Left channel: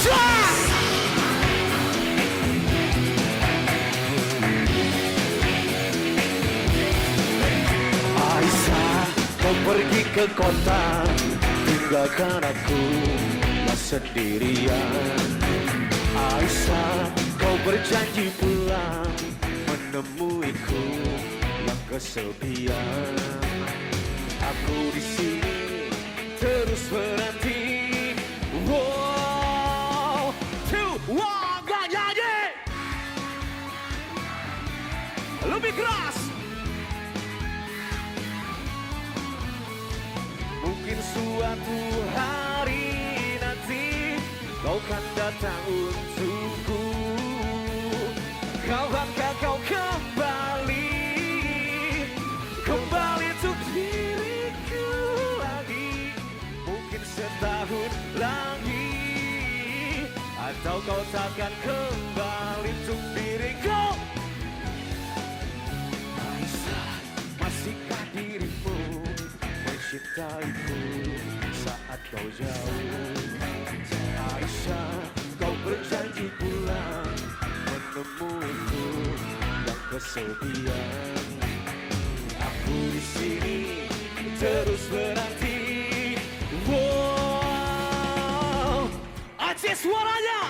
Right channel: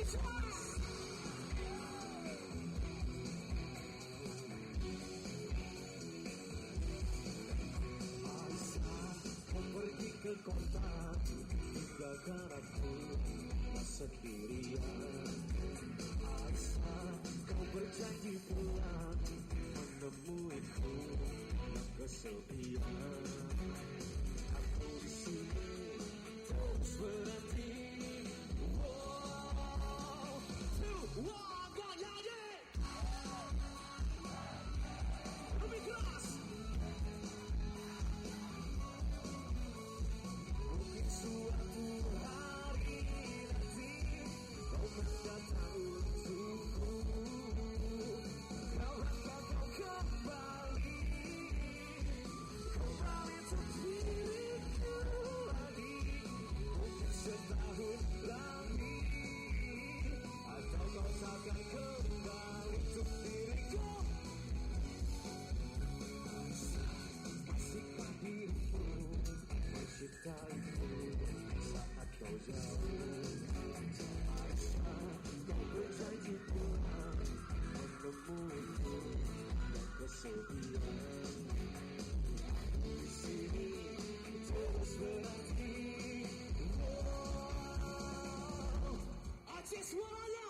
Aisyah, kau pergi ke kota, tinggalkan aku sendirian. Aisyah, kau berjanji pulang menemuiku yang kesepian. Aku di sini terus berhenti. Wow, two, one, gak nyanyi. Lebih keras. Mungkin suatu hari nanti kau kan datang untukku. Kawankah kau kembali, kembali untuk diriku lagi. Mungkin setahun lagi, atau kau takkan kembali untuk diriku. Aisyah, masihkah dirimu mencintaiku saat kau jauh? Aisyah, kau berjanji pulang menemuiku yang kesepian. Aku di sini terus menanti. Wow, Aceh suaranya.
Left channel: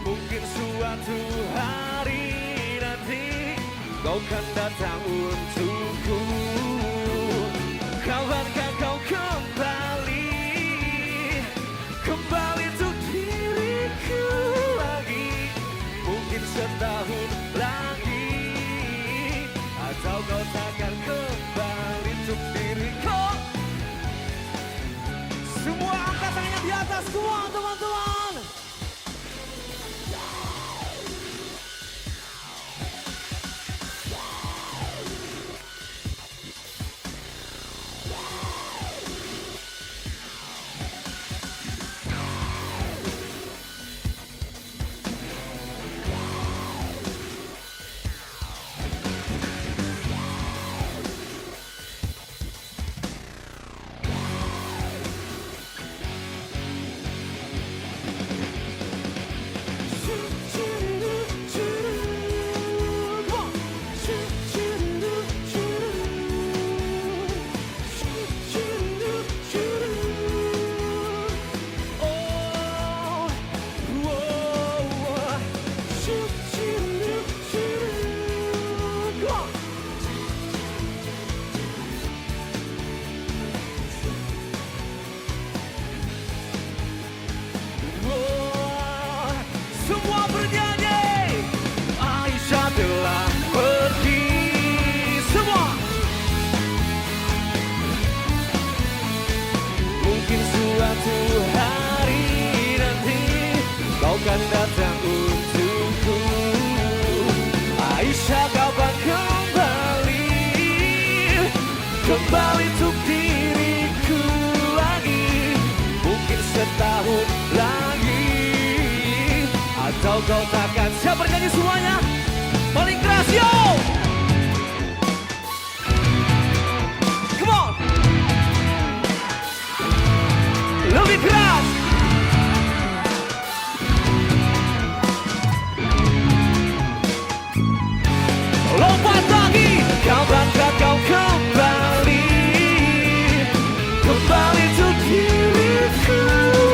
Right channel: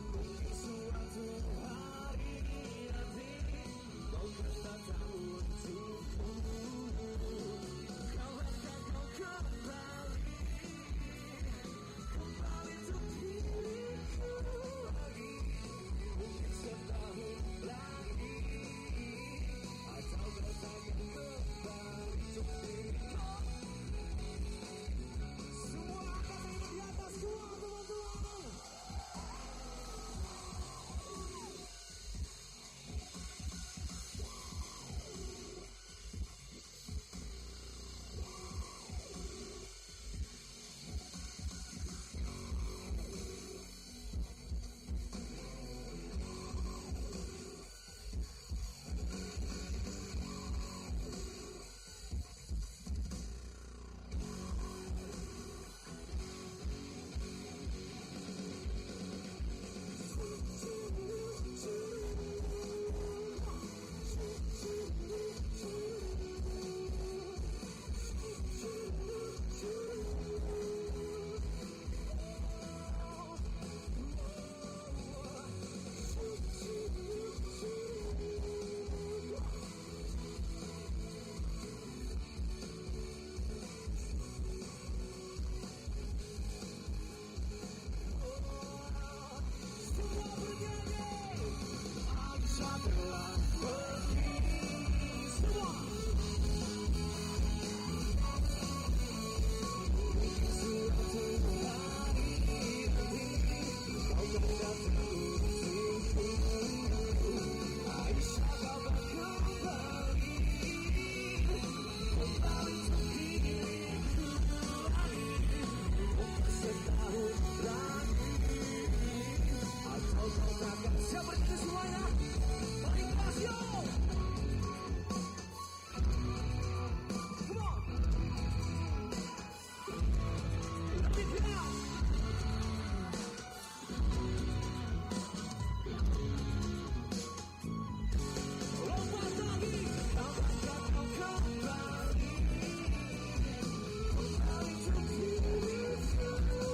Mungkin suatu hari nanti kau kan datang untukku. Kawankah kau kembali, kembali untuk diriku lagi. Mungkin setahun lagi, atau kau takkan kembali untuk diriku. Semua angkat tangannya di atas, semua teman-teman. Semua bernyanyi. Aisyah telah pergi. Semua. Mungkin suatu hari nanti kau kan datang untukku. Aisyah, kapan kembali, kembali untuk diriku lagi. Mungkin setahun lagi, atau kau takkan. Siapa bernyanyi semuanya? Paling keras, yo! Come on! Lebih keras! Lompat lagi! Kapankah kau kembali, kembali untuk diriku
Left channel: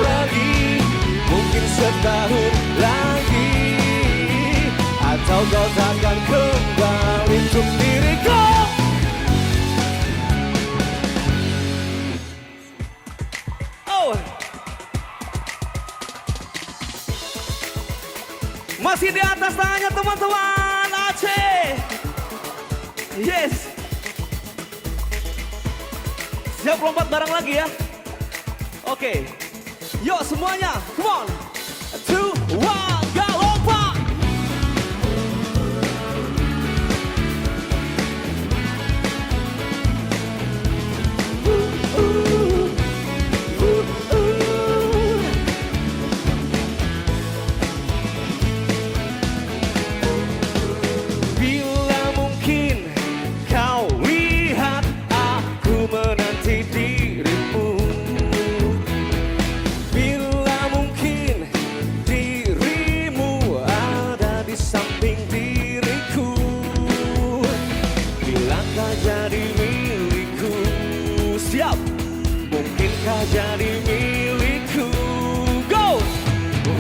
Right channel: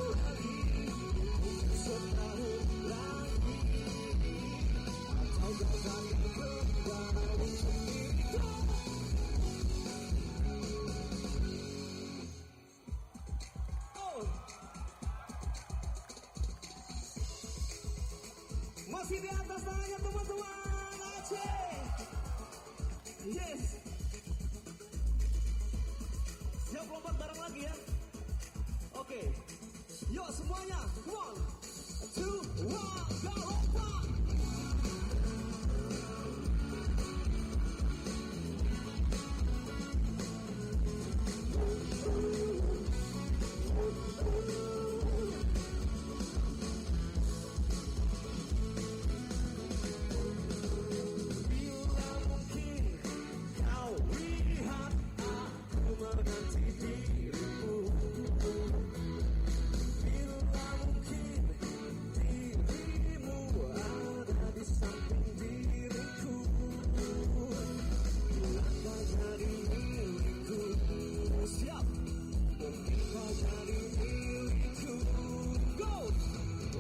lagi. Mungkin setahun lagi, atau kau takkan kembali untuk diriku. Oh, masih di atas tangannya teman-teman Aceh. Yes. Siap lompat bareng lagi ya. Oke. Yuk semuanya, come on. 2, 1, go, lompat. Bila mungkin kau lihat jadi milikku? Siap. Mungkinkah jadi milikku? Go.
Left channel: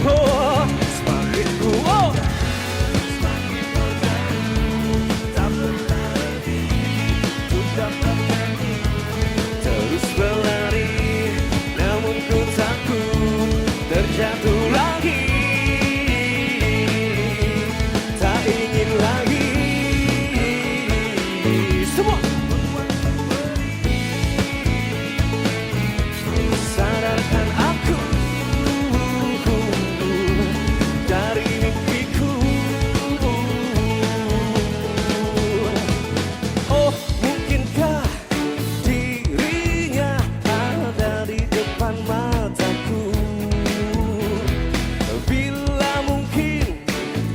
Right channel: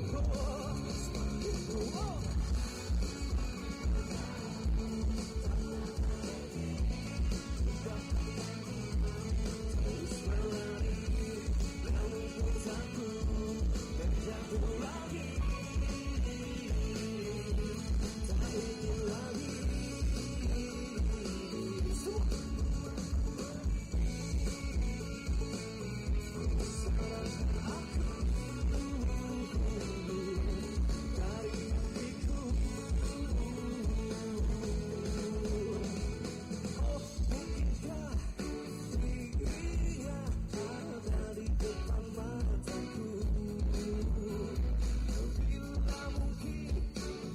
Oh, semakin ku oh. Semakin kau jauh, tak pernah lebih ku dapat nyanyi. Terus berlari, namun ku takut terjatuh lagi. Tak ingin lagi. Semua. Sadarkan aku dari mimpiku. Oh, mungkinkah dirinya ada di depan mataku? Bila mungkin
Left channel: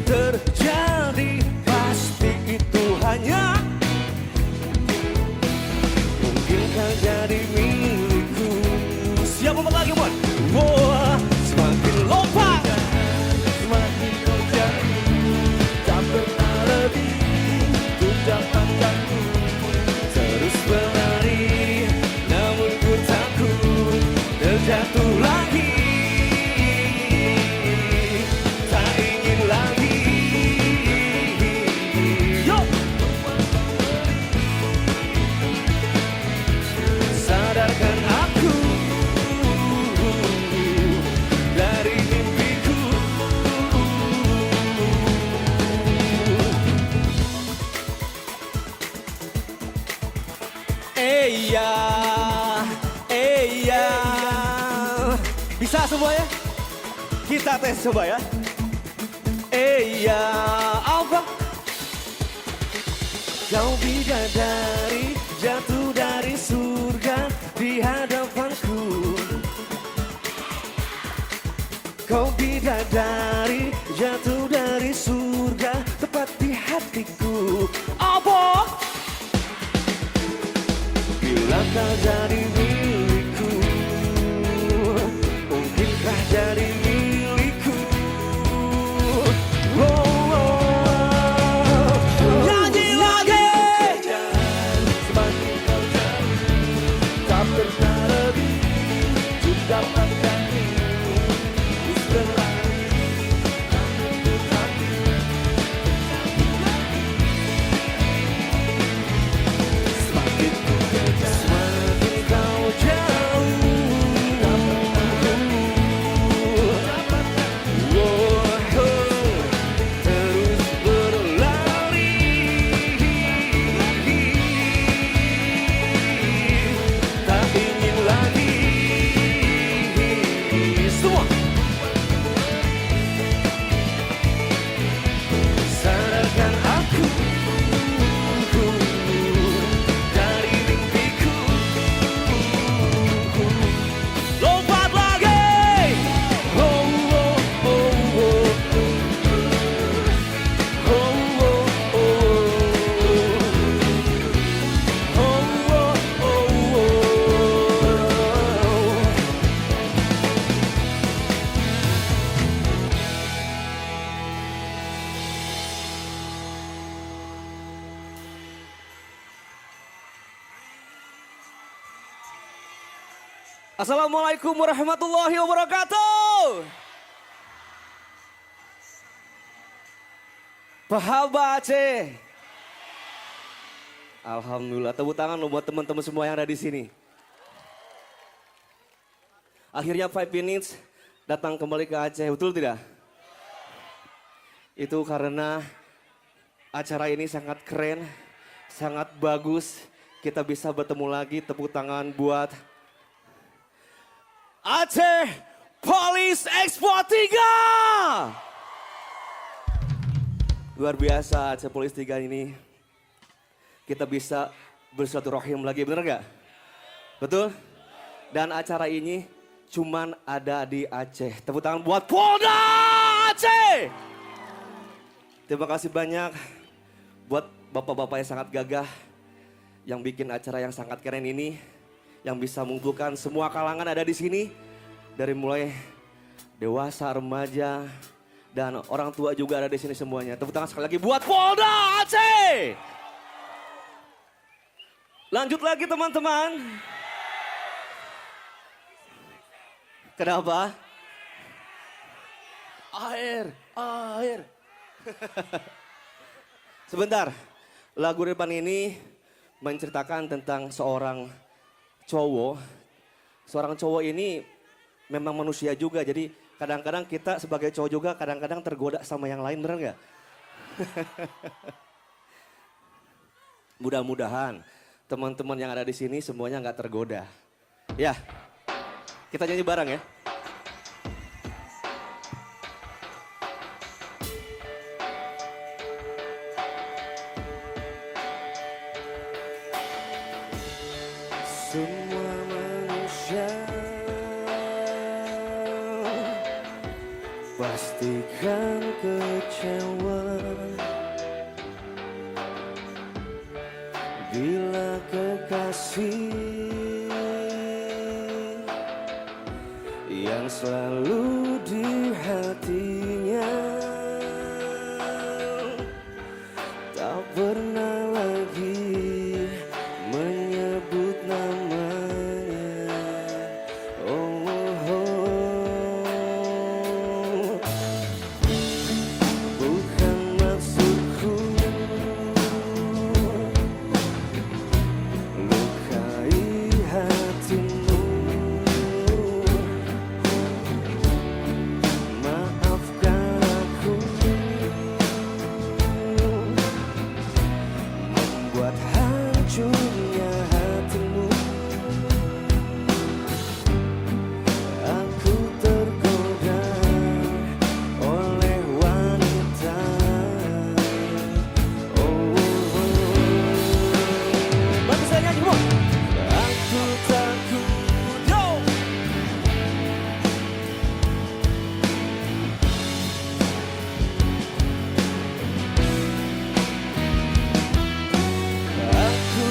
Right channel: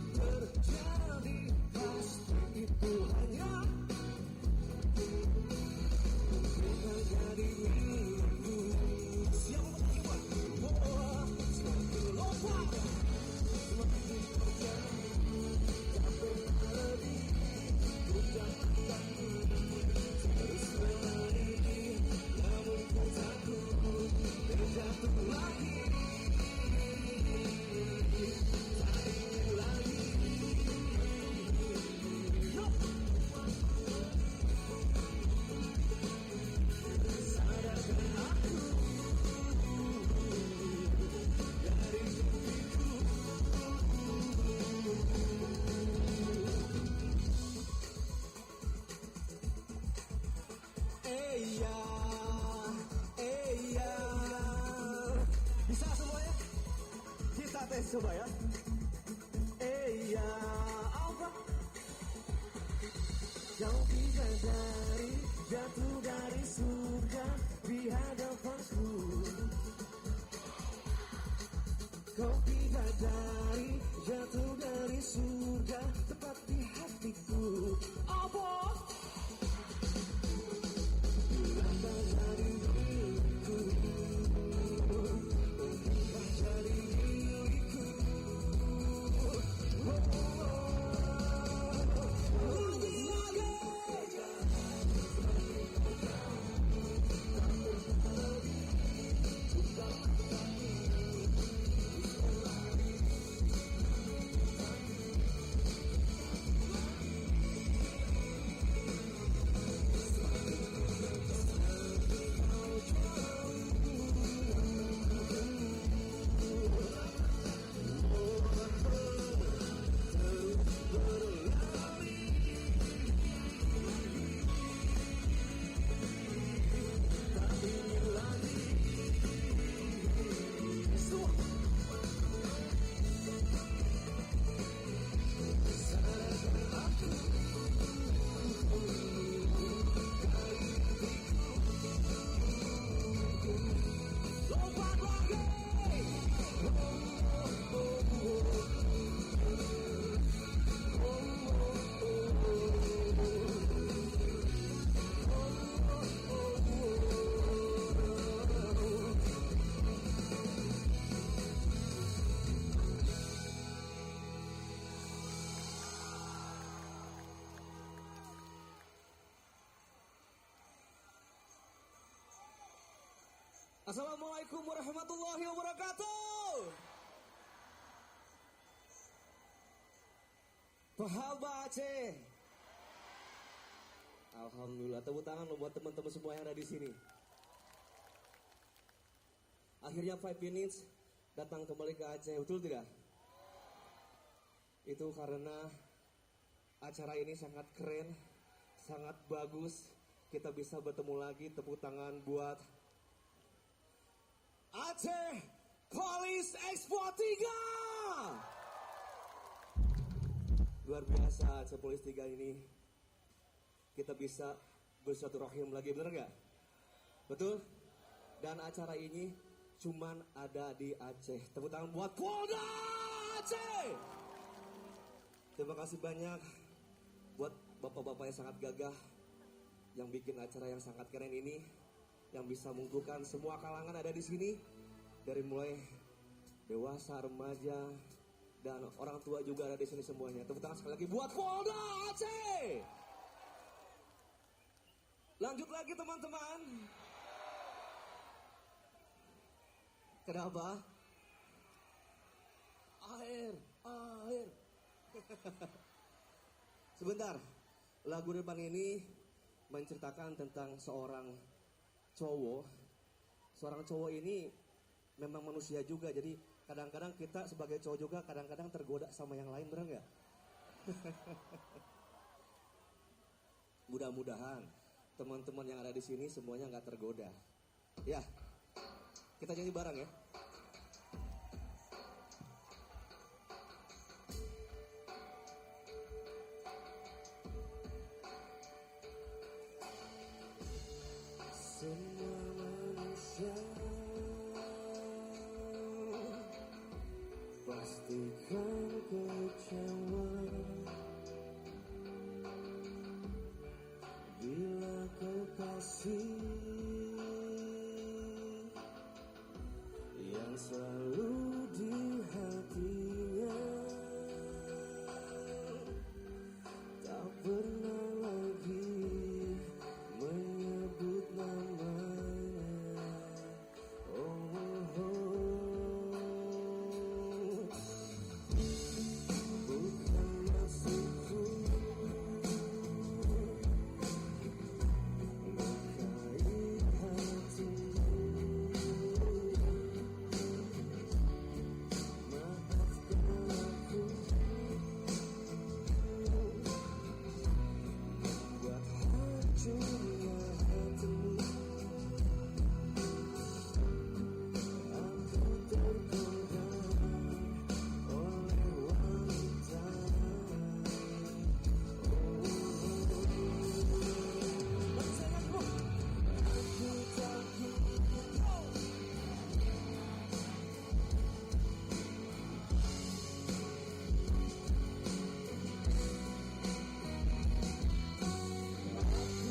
terjadi, pasti itu hanya mungkinkah jadi milikku. Siap lompat lagi, Mon. Wah, semakin lompat, semakin kau jauh, tak pernah lebih ku dapatkanmu. Terus berlari, namun ku takut terjatuh lagi. Tak ingin lagi. Yo. Sadarkan aku dari mimpiku. Iya, iya. Bisa semuanya? Kita tes coba ya. Iya, apa? Kau bidadari jatuh dari surga di hadapanku. Kau bidadari jatuh dari surga tepat di hatiku. Apa? Bila kau jadi milikku, mungkinkah jadi milikku? Oh, oh, oh. Nyanyi lagi. Semakin kau jauh, tak pernah lebih ku dapatkanmu. Terus berlari, namun ku takut. Semakin ku kejar, semakin kau jauh. Oh, oh. Terus berlari, tak ingin lagi. Semua. Sadarkan aku dari mimpiku. Lompat lagi. Oh, oh, oh, oh. Oh, oh, oh. Oh, oh, oh, oh. Assalamualaikum warahmatullahi wabarakatuh. Pahaba Aceh. Alhamdulillah, tepuk tangan lo buat teman-teman semua yang ada di sini. Akhirnya 5 Minutes datang kembali ke Aceh, betul tidak? Itu karena acara ini sangat keren, sangat bagus. Kita bisa bertemu lagi, tepuk tangan buat Aceh Police Expo 3. Luar biasa Aceh Police 3 ini. Kita bisa bersilaturahim lagi, bener gak? Betul? Dan acara ini cuman ada di Aceh. Tepuk tangan buat Polda Aceh. Terima kasih banyak buat bapak-bapak yang sangat gagah, yang bikin acara yang sangat keren ini, yang bisa mengumpulkan semua kalangan ada di sini, dari mulai dewasa, remaja, dan orang tua juga ada di sini semuanya. Tepuk tangan sekali lagi buat Polda Aceh. Lanjut lagi teman-teman. Kenapa? Air, air. Sebentar, lagu depan ini menceritakan tentang seorang cowok. Seorang cowok ini memang manusia juga, jadi kadang-kadang kita sebagai cowok juga kadang-kadang tergoda sama yang lain, bener nggak? Mudah-mudahan teman-teman yang ada di sini semuanya nggak tergoda. Ya, kita nyanyi bareng ya. Semua manusia pastikan kecewa bila kekasih yang selalu di hatinya tak pernah lagi menyebut namanya. Oh, oh, oh. Bukan maksudku lukai hatimu. Maafkan aku membuat hancurnya hatimu. Aku tergoda oleh wanita. Oh, oh, oh. Bantu saya nyanyi, Bu. Aku takut, yo. Aku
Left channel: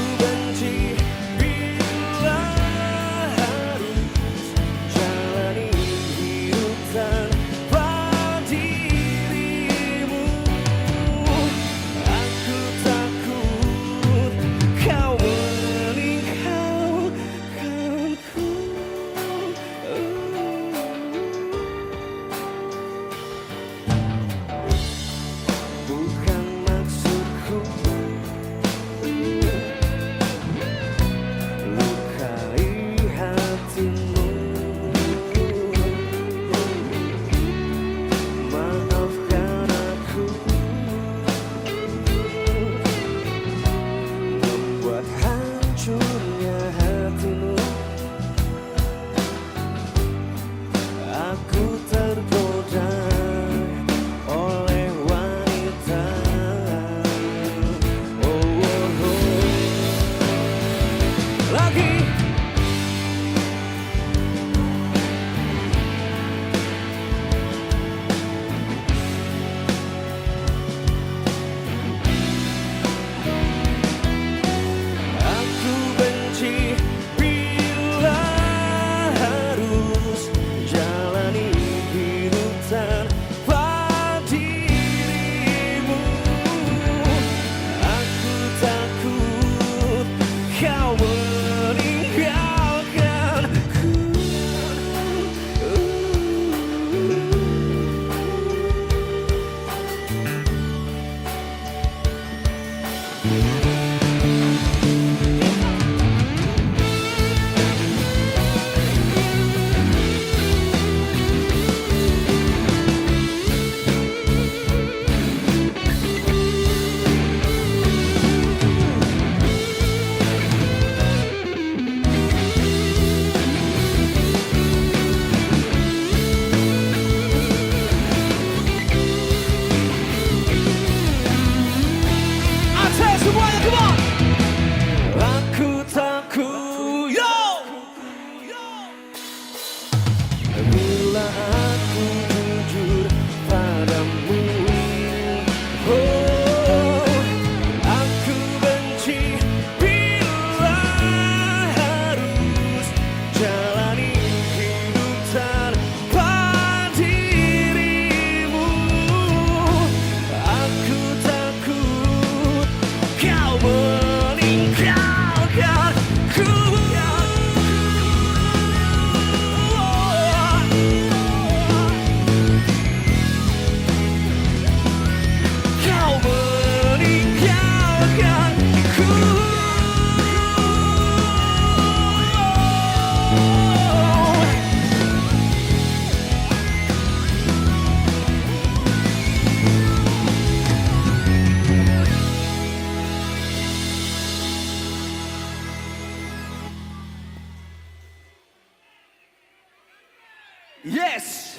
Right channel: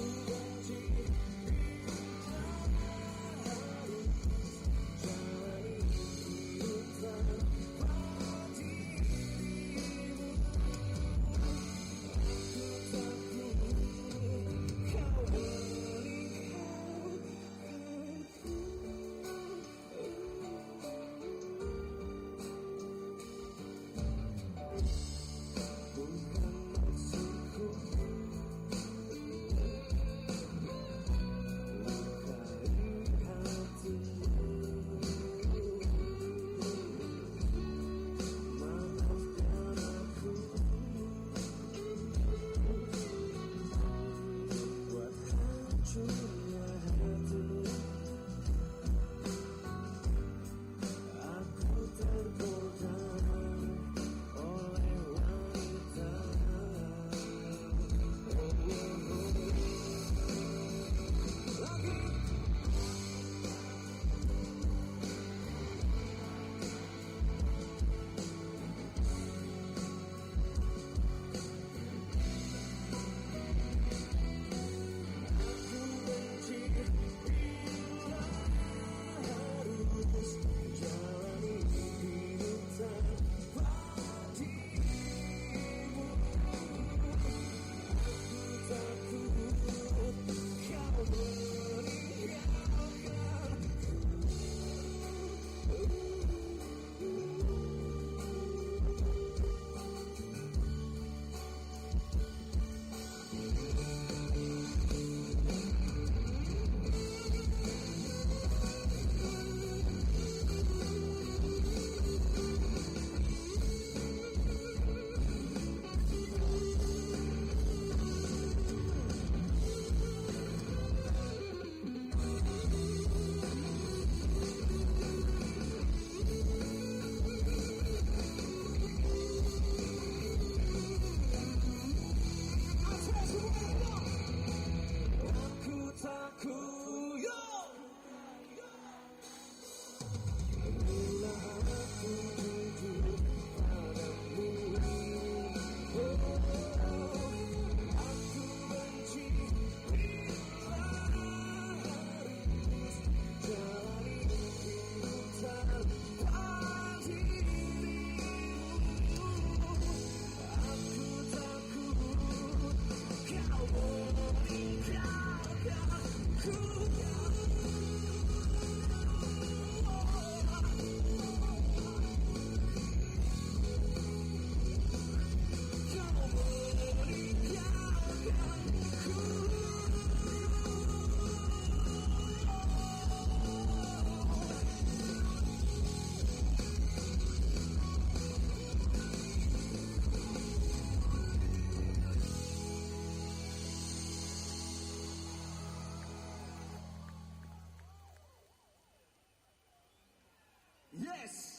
Yes.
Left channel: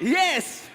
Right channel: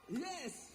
Yes.